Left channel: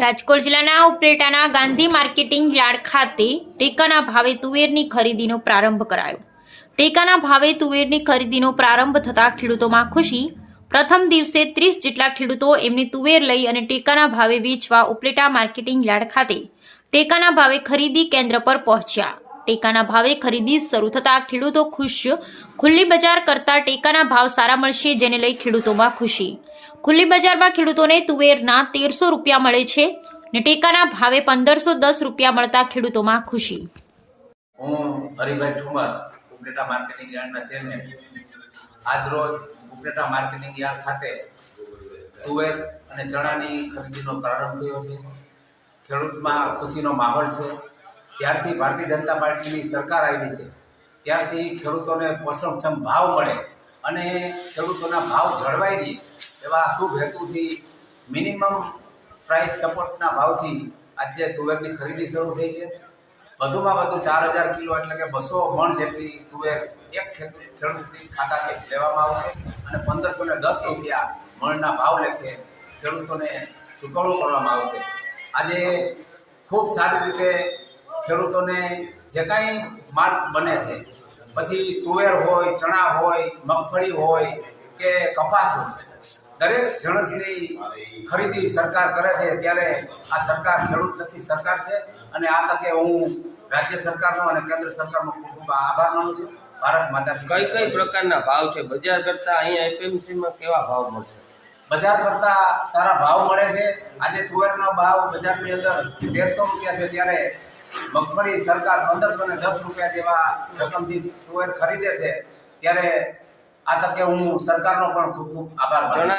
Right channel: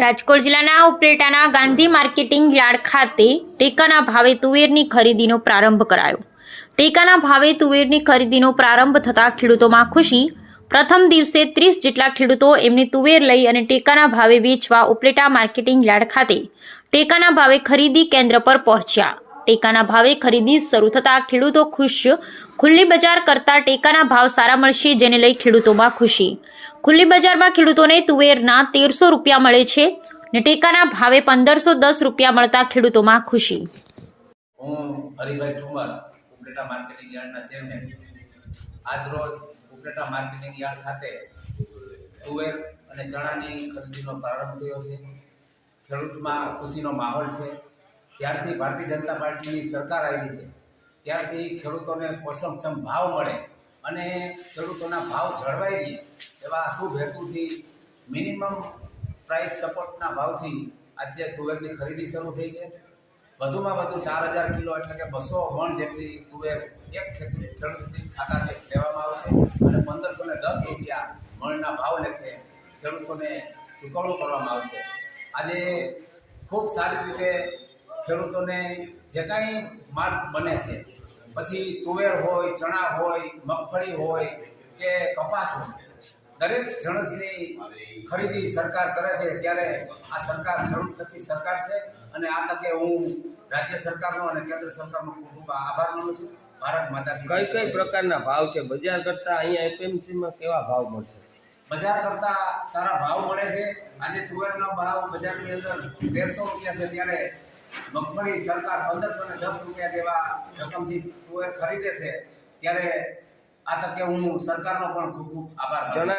રાજકોટ જિલ્લાના ઉપલેટાના Gandhi marketing yard ખાતે ટેકાના ભાવે તુવેરની ખરીદીનો પ્રારંભ કરાયો। ટેકાના ભાવે તુવેરની ખરીદીનો પ્રારંભ થતાં ખેડૂતોમાં ખુશી। પ્રથમ દિવસે 30 જેટલા ખેડૂતો એમની તુવેર લઈ અને ટેકાના ભાવે વેચવા ઉપલેટા માર્કેટિંગ યાર્ડ ખાતે ટેકાના ભાવે ખરીદી કેન્દ્ર પર પહોંચ્યા। ટેકાના ભાવે ખરીદી શરૂ થતાં ખેડૂતો ખુશ। ખુલ્લી બજાર કરતાં ટેકાના ભાવ સારા મળશે, જેને લઈ ખેડૂતોમાં ખુશી। ખુલ્લી બજારમાં ખેડૂતોને તુવેરના 1300 રૂપિયા મળે છે ને ટેકાના ભાવે 1510 રૂપિયા મળતા ખેડૂતોમાં ખુશી। હું હરિભાઈ ઠુમર, ઉપલેટા માર્કેટિંગ યાર્ડના ચેરમેન। આજરોજ ઉપલેટા માર્કેટિંગ યાર્ડ ખાતે તુવેર અને ચણાની ખરીદીનો પ્રારંભ થયો છે। ખેડૂતમાં ખુશીનો માહોલ છે। જ્યારથી ભારતીય જનતા પાર્ટીની સરકાર આવી છે ત્યારથી ખેડૂતોને પોષણક્ષમ ભાવ મળે અને ખેડૂતોના ભાવ જળવાઈ રહે એવા શુભ હેતુથી મિનિમમ પ્રાઇસ સપોર્ટના ભાવથી આજે તુવેરની ખરીદી શરૂ થઈ છે। વધુમાં વધુ 4000 કિલો એટલે કે 200 મણ જેટલી તુવેર એક ખેડૂતની ખાતાથી લેવામાં આવશે અને 1510 રૂપિયા મણના ભાવ લેખે ખેડૂતોને ચૂકવણું કરવામાં આવશે। આજે ખૂબ સારી રીતે ખેડૂતોને જે કાંઈ માલ બને છે, પછી તુવેર હોય, ચણા હોય, મગફળી હોય કે કપાસ હોય, દરેક જણસની ખરીદી સરકાર કરે છે। ત્યારે આ સરકાર ખેડૂતલક્ષી સરકાર છે અને આ તકે હું રાજ્ય સરકારનો અને કેન્દ્ર સરકારનો ખૂબ ખૂબ આભાર માનું છું। ભારત માતા કી કઈ પ્રકારના ભાવ છે? બજાર કરતા અહીંયા એપીએમસીમાં કેવા ભાવ મળશે? બજાર કરતા સારા ભાવ મળે છે। આજે તુવેરનો ભાવ બજારની અંદર 1300 રૂપિયા છે, ત્યારે મગફળી સરકાર 1510 રૂપિયા જેવા રકમથી તુવેર ખરીદે છે। ત્યારે આ તકે હું સરકારનો પણ ખૂબ ખૂબ આભાર માનું છું।